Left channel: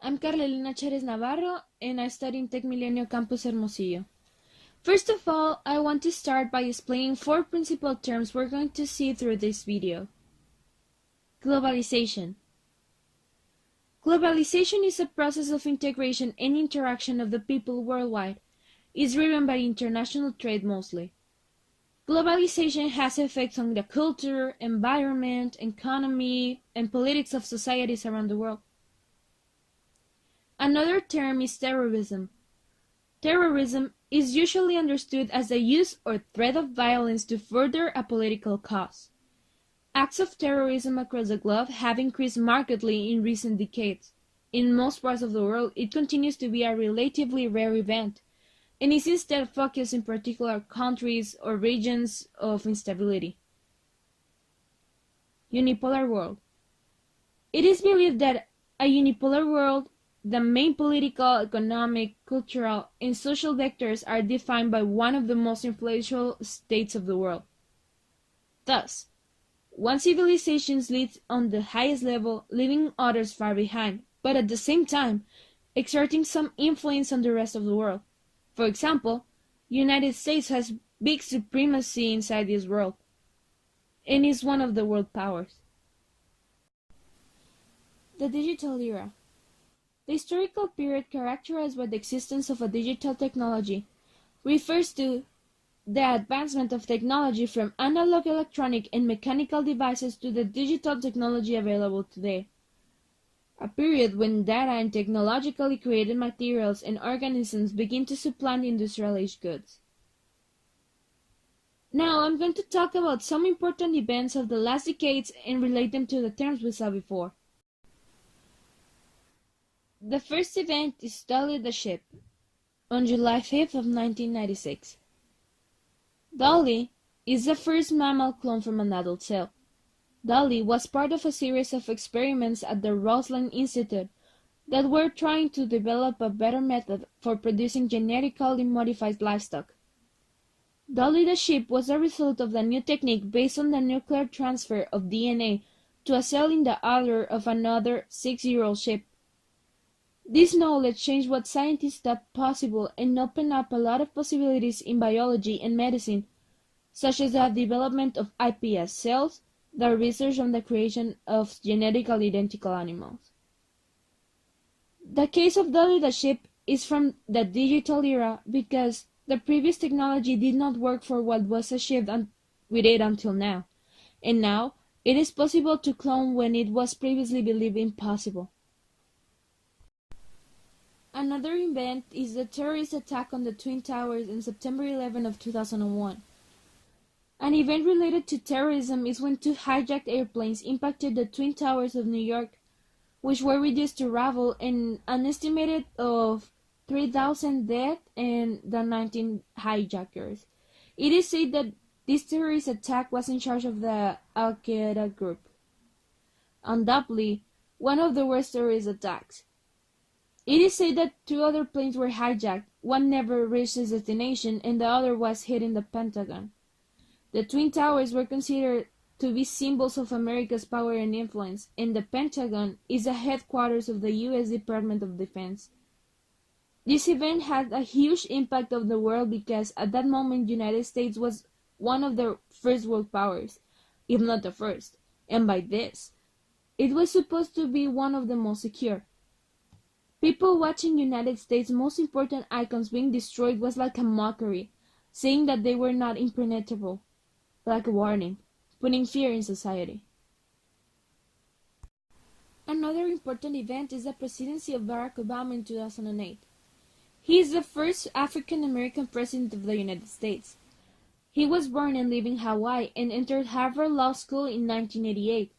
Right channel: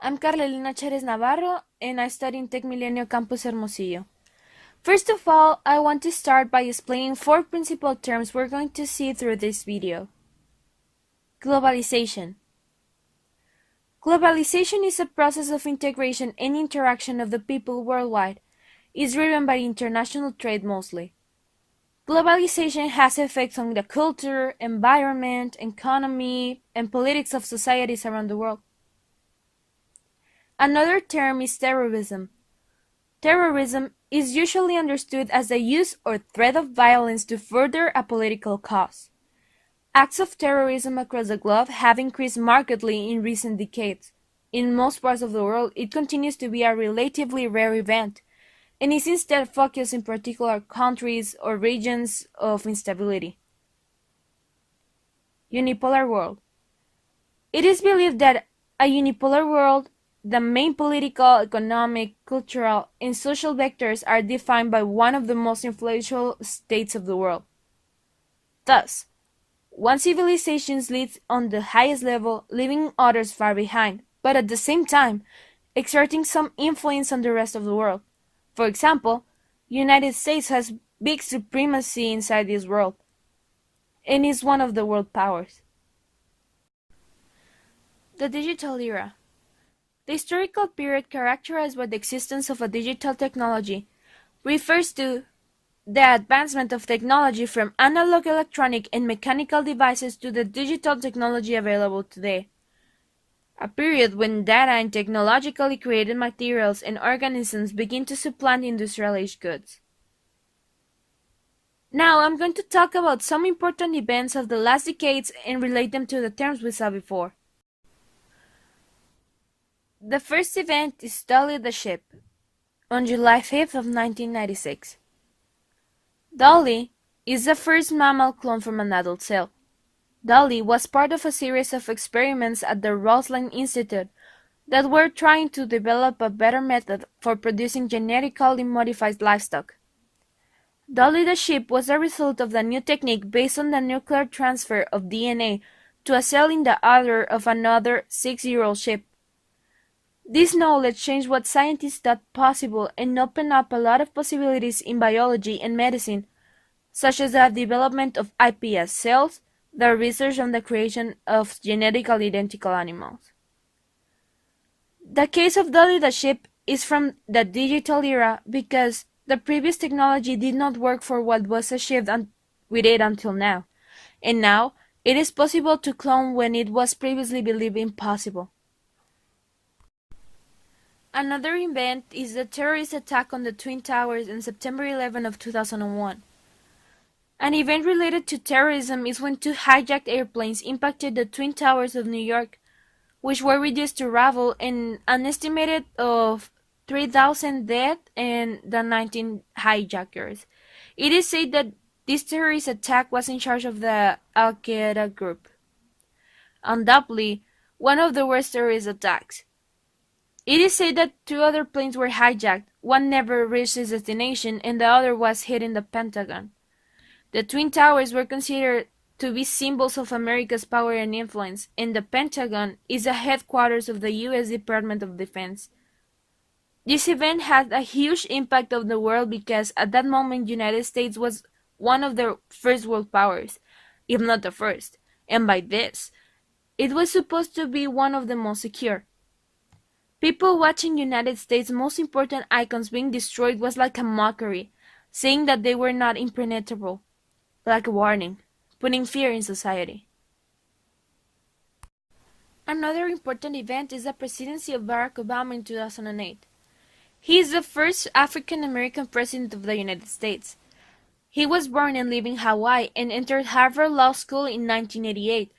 I'm Karla Navarro, and I study in Tech Milenio Campus Hermosillo. First of all, I want to start by explaining four principal terms we're going to see through this video. Globalization. Globalization is a process of integration and interaction of the people worldwide. It's driven by international trade mostly. Globalization has effects on the culture, environment, economy, and politics of societies around the world. Another term is terrorism. Terrorism is usually understood as the use or threat of violence to further a political cause. Acts of terrorism across the globe have increased markedly in recent decades. In most parts of the world, it continues to be a relatively rare event, and is instead focused in particular countries or regions of instability. Unipolar world. It is believed that a unipolar world, the main political, economic, cultural, and social vectors are defined by one of the most influential states of the world. Thus, one civilization leads on the highest level, leaving others far behind, but at the same time, exerting some influence on the rest of the world. For example, United States has big supremacy inside this world, and is one of the world powers. The digital era. The historical period characterized by the existence of a digital technology refers to the advancement of technology from analog electronic and mechanical devices to the digital technology available today. A period when data and technologically created materials and organisms begin to supplant industrialized goods. Now I'm going to talk about some important events of the last decades and relate them to the terms we saw before. The first event is Dolly the ship, on July 5th of 1996. Dolly is the first mammal clone from an adult cell. Dolly was part of a series of experiments at the Roslin Institute that were trying to develop a better method for producing genetically modified livestock. Dolly the ship was a result of the new technique based on the nuclear transfer of DNA to a cell in the udder of another 6-year-old ship. This knowledge changed what scientists thought possible and opened up a lot of possibilities in biology and medicine, such as the development of iPS cells, the research on the creation of genetically identical animals. The case of Dolly the ship is from the digital era because the previous technology did not work for what was achieved with it until now, and now it is possible to clone when it was previously believed impossible. Another event is the terrorist attack on the Twin Towers on September 11 of 2001. An event related to terrorism is when two hijacked airplanes impacted the Twin Towers of New York, which were reduced to rubble and an estimated of 3,000 dead and the 19 hijackers. It is said that this terrorist attack was in charge of the Al-Qaeda group. Undoubtedly, one of the worst terrorist attacks. It is said that two other planes were hijacked, one never reached its destination and the other was hit in the Pentagon. The Twin Towers were considered to be symbols of America's power and influence, and the Pentagon is the headquarters of the U.S. Department of Defense. This event had a huge impact on the world because at that moment the United States was one of the first world powers, if not the first, and by this, it was supposed to be one of the most secure. People watching United States' most important icons being destroyed was like a mockery, saying that they were not impenetrable, like a warning, putting fear in society. Another important event is the presidency of Barack Obama in 2008. He is the first African American president of the United States. He was born and lived in Hawaii and entered Harvard Law School in 1988.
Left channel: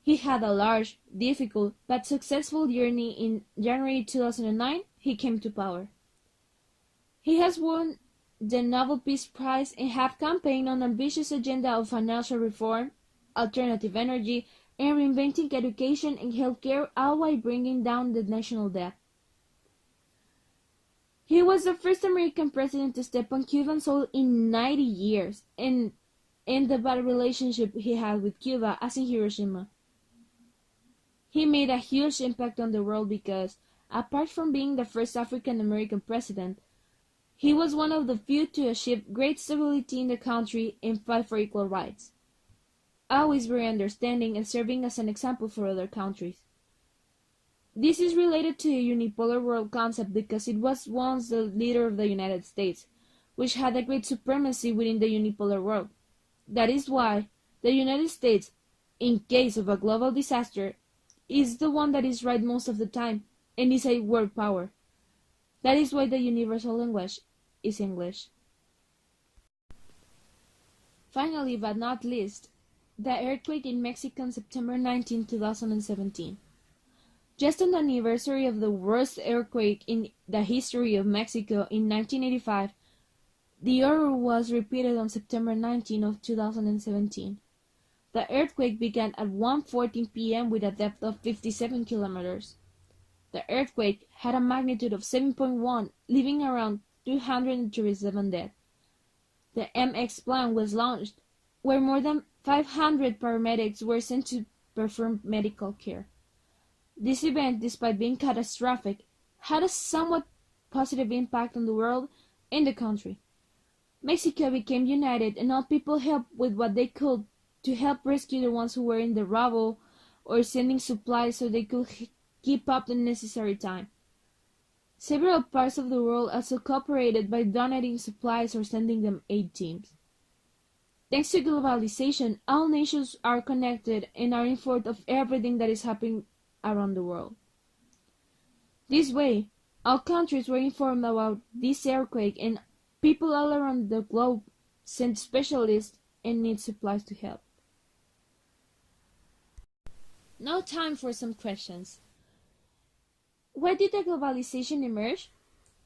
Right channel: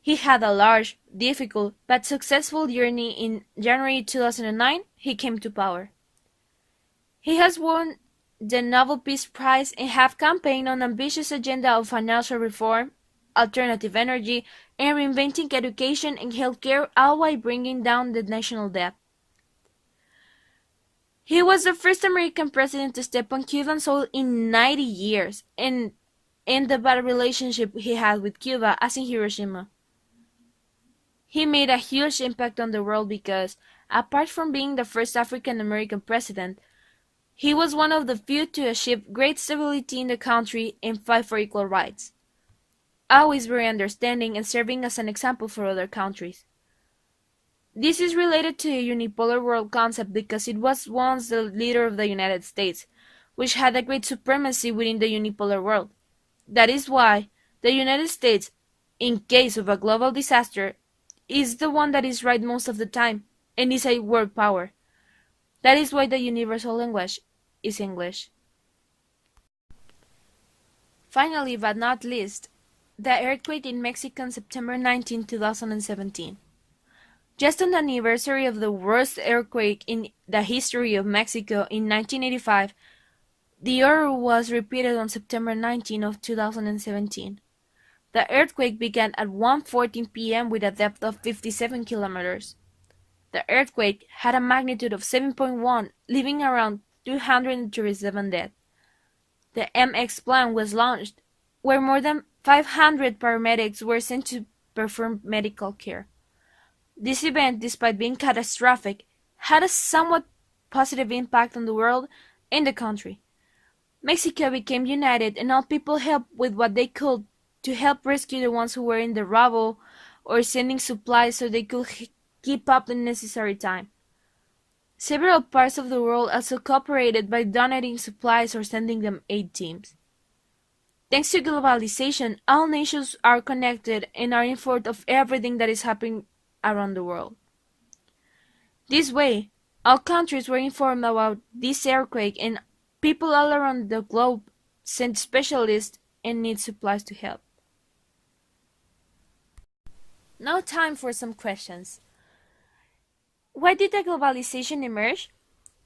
He had a large, difficult, but successful journey. In January 2009, he came to power. He has won the Nobel Peace Prize and have campaigned on an ambitious agenda of financial reform, alternative energy, and reinventing education and healthcare, all while bringing down the national debt. He was the first American president to step on Cuban soil in 90 years and end the bad relationship he had with Cuba, as in Hiroshima. He made a huge impact on the world because, Apart from being the first African American president, he was one of the few to achieve great stability in the country and fight for equal rights, always very understanding and serving as an example for other countries. This is related to the unipolar world concept because it was once the leader of the United States, which had a great supremacy within the unipolar world. That is why the United States, in case of a global disaster, is the one that is right most of the time and is a world power. That is why the universal language is English. Finally, but not least, the earthquake in Mexico on September 19, 2017. Just on the anniversary of the worst earthquake in the history of Mexico in 1985, the order was repeated on September 19 of 2017. The earthquake began at 1:14 p.m. with a depth of 57 kilometers. The earthquake had a magnitude of 7.1, leaving around 237 dead. The MX plan was launched, where more than 500 paramedics were sent to perform medical care. This event, despite being catastrophic, had a somewhat positive impact on the world and the country. Mexico became united and all people helped with what they could to help rescue the ones who were in the rubble or sending supplies so they could keep up the necessary time. Several parts of the world also cooperated by donating supplies or sending them aid teams. Thanks to globalization, all nations are connected and are informed of everything that is happening around the world. This way, all countries were informed about this earthquake and people all around the globe sent specialists and need supplies to help. Now time for some questions. Why did the globalization emerge?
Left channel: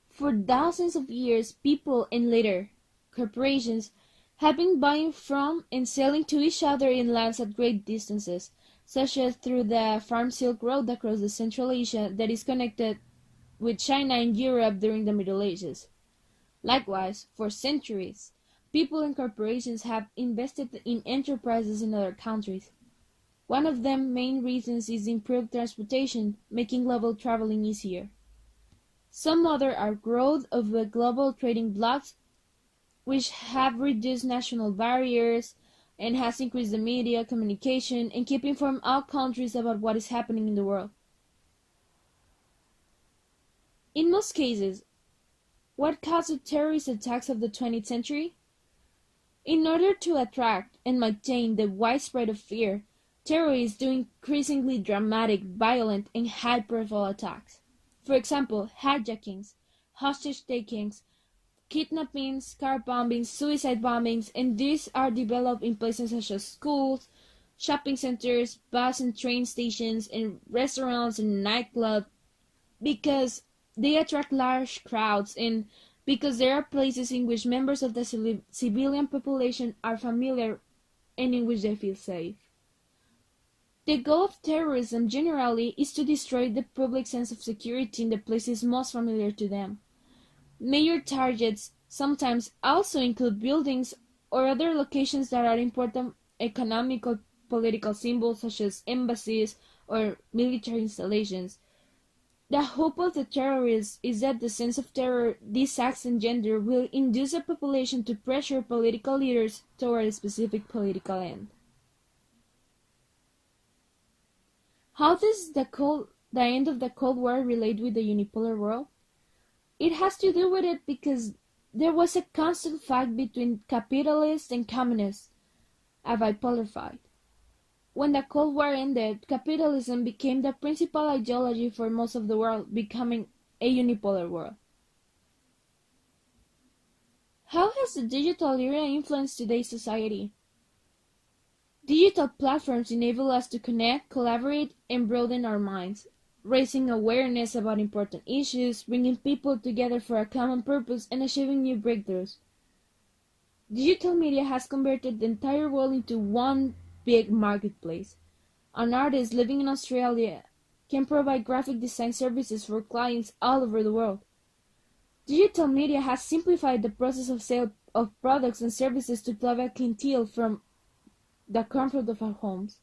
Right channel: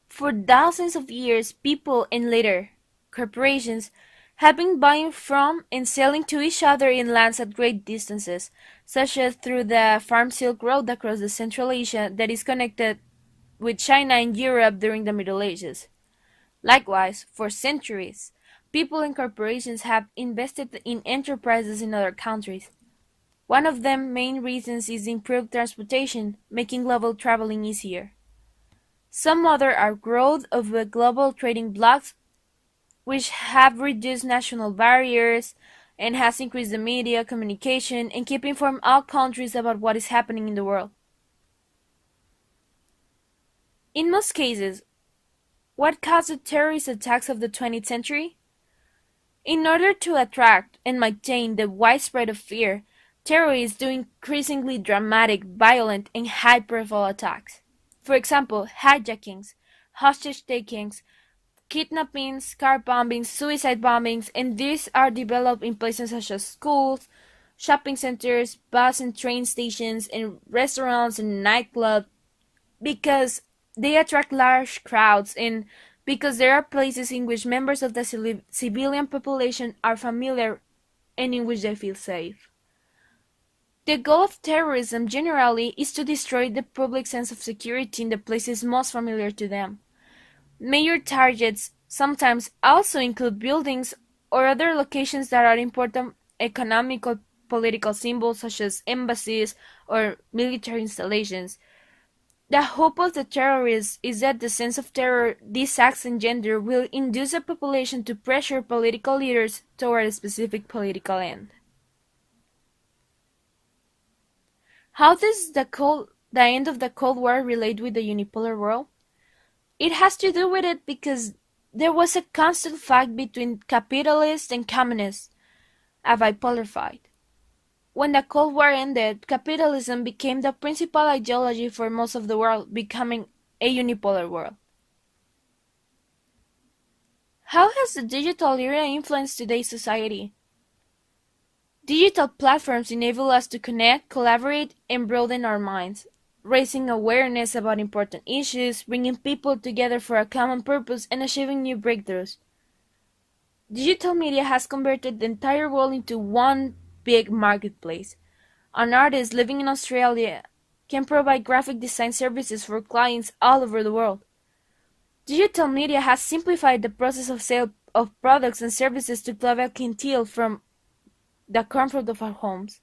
For thousands of years, people and later corporations have been buying from and selling to each other in lands at great distances, such as through the Farm Silk Road across the Central Asia that is connected with China and Europe during the Middle Ages. Likewise, for centuries, people and corporations have invested in enterprises in other countries. One of the main reasons is improved transportation, making global traveling easier. Some other are growth of the global trading blocs, which have reduced national barriers and has increased the media, communication, and keep informed all countries about what is happening in the world. In most cases, what caused the terrorist attacks of the 20th century? In order to attract and maintain the widespread of fear, terrorists do increasingly dramatic, violent, and high-profile attacks. For example, hijackings, hostage-takings, kidnappings, car bombings, suicide bombings, and these are developed in places such as schools, shopping centers, bus and train stations, and restaurants and nightclubs because they attract large crowds and because there are places in which members of the civilian population are familiar and in which they feel safe. The goal of terrorism generally is to destroy the public sense of security in the places most familiar to them. Major targets sometimes also include buildings or other locations that are important economic or political symbols such as embassies or military installations. The hope of the terrorists is that the sense of terror these acts engender will induce the population to pressure political leaders toward a specific political end. How does the end of the Cold War relate with the unipolar world? It has to do with it because there was a constant fight between capitalists and communists, a bipolar fight. When the Cold War ended, capitalism became the principal ideology for most of the world, becoming a unipolar world. How has the digital era influenced today's society? Digital platforms enable us to connect, collaborate, and broaden our minds, raising awareness about important issues, bringing people together for a common purpose, and achieving new breakthroughs. Digital media has converted the entire world into one big marketplace. An artist living in Australia can provide graphic design services for clients all over the world. Digital media has simplified the process of sale of products and services to global clientele from the comfort of our homes.